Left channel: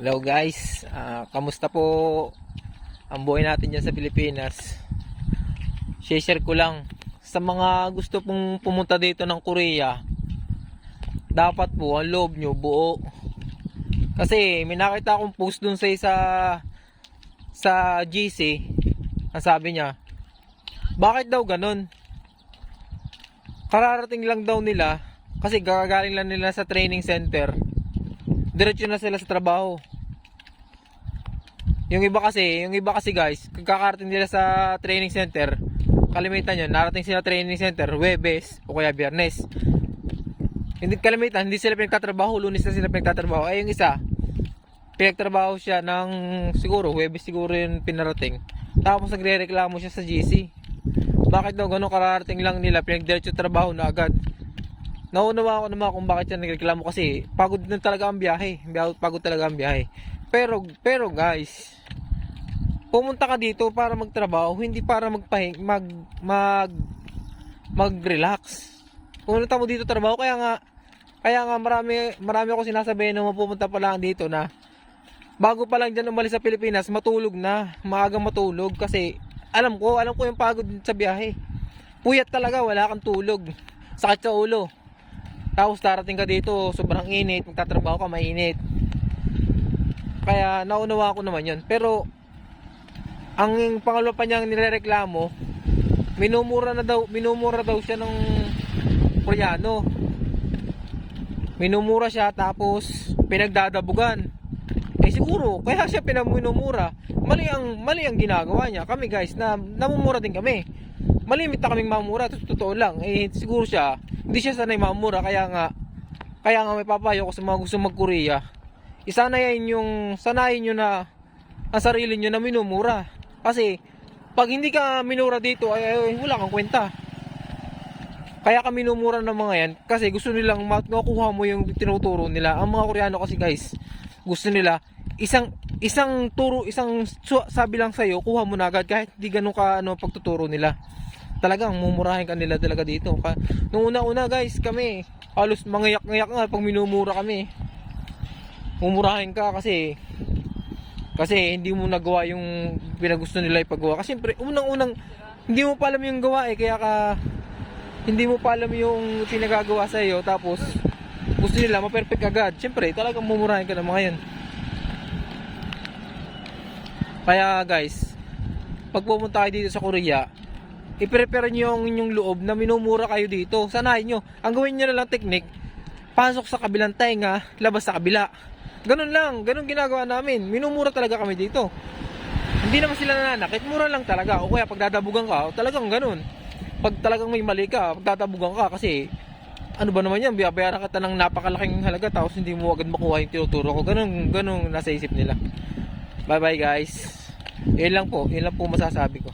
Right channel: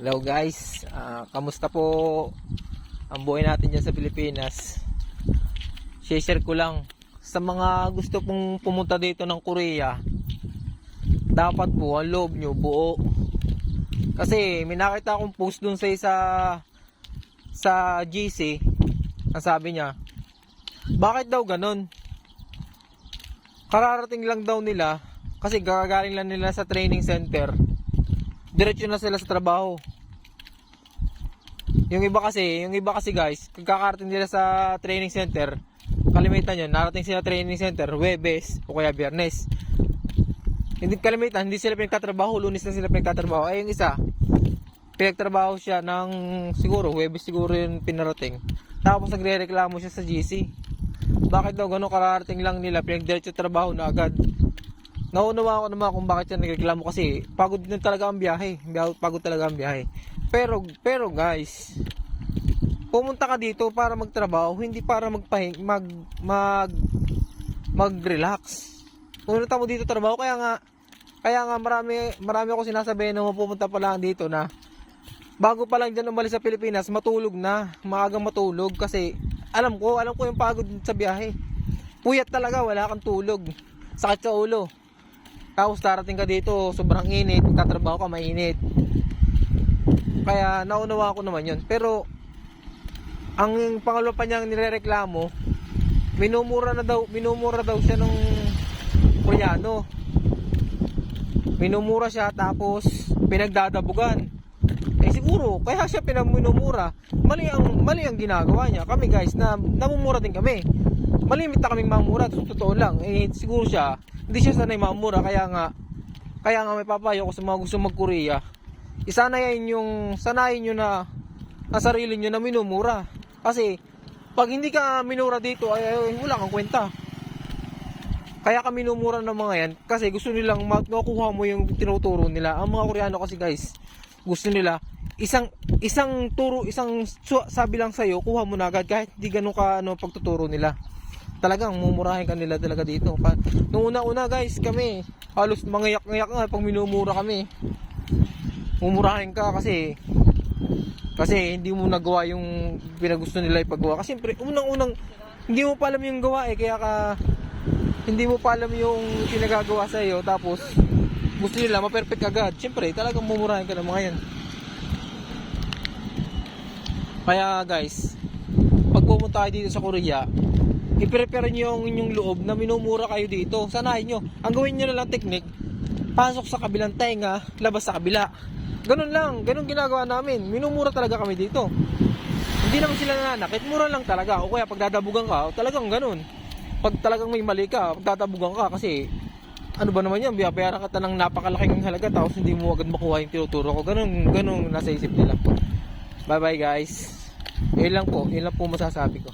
Hello guys, kamusta po ang buhay natin dyan sa Pilipinas? Share ko lang sa mga gusto pong pumunta dito ng Korea. Dapat po ang loob nyo buo. Kasi may nakita akong post dun sa GC. Ang sabi niya, bakit daw ganun? Kararating lang daw nila kasi gagaling lang nila sa training center. Diretso na sila sa trabaho. Yung iba kasi guys, kagkakarating nila sa training center, kalimitan yun, narating sila training center Huwebes o kaya Biyernes. Hindi kalimitan, hindi sila pinagtatrabaho, Lunes na sila pinagtatrabaho. Ay yung isa, pinagtrabaho siya ng siguro, Huwebes siguro yung pinarating. Tapos nagre-reklamo siya sa GC. Bakit daw ganun, kararating lang nila, pinagdiretso trabaho na agad. Naunawa ko naman kung bakit siya nagreklamo kasi pagod na talaga ang biyahe. Pagod talaga ang biyahe. Pero guys, pumunta ka dito para magtrabaho, hindi para mag-relax. Pumunta mo dito trabaho, kaya nga marami ako sinasabihin na pumunta pa lang dito na bago pa lang dyan umalis sa Pilipinas, matulog na, maagang matulog kasi alam ko yung pagod sa biyahe. Puyat talaga, wala kang tulog, sakit sa ulo. Tapos darating ka dito, sobrang init, magtatrabaho ka, mainit. Kaya naunawa ko naman yun. Pero ang pangalawa pa niyang nirereklamo, minumura daw siya ng Koreano. Minumura siya tapos pinagdadabugan. Siguro kaya siya minumura. Mali ang ginagawa niya. Kami guys, namumura din kami. Malimit na kaming mamura, totoo lang. Siguro siya, hindi siya sanay mamura, kaya nga may papayo ko sa mga gusto mag-Korea. Sanayin nyo na ang sarili nyo na minumura. Kasi pag hindi ka minura dito ay wala kang kwenta. Kaya ka minumura ng mga yan kasi gusto nilang makuha mo yung tinuturo nila. Ang mga Koreano kasi guys, gusto nila isang sabi lang sa'yo, kuha mo na agad kahit di ganun ka pagtuturo nila. Talagang mumurahin ka nila talaga dito. Nung una guys, kami halos mangiyak-ngiyak nga pag minumura kami. Mumurahin ka kasi hindi mo nagawa yung pinagusto nila ipagawa. Kasi siyempre, unang-unang hindi mo pa alam yung gawa hindi mo pa alam yung pinagagawa sa iyo, tapos gusto nila ma-perfect agad. Siyempre, talagang mumurahin ka ng mga yan. Kaya guys, pag pumunta kayo dito sa Korea, i-prepare nyo yung inyong loob na minumura kayo dito. Sanayin nyo. Ang gawin nyo na lang technique, pasok sa kabilang tenga, labas sa kabila. Ganun lang. Ganun ginagawa namin. Minumura talaga kami dito. Hindi naman sila nananakit. Mura lang talaga. O kaya pag dadabugan ka, talagang ganun. Pag talagang may mali ka, pag dadabugan ka, kasi ano ba naman yan? Bayaran ka ng napakalaking halaga tapos hindi mo agad makuha yung tinuturo ko. Ganun nasa isip nila. Bye bye guys. Yun lang po masasabi ko.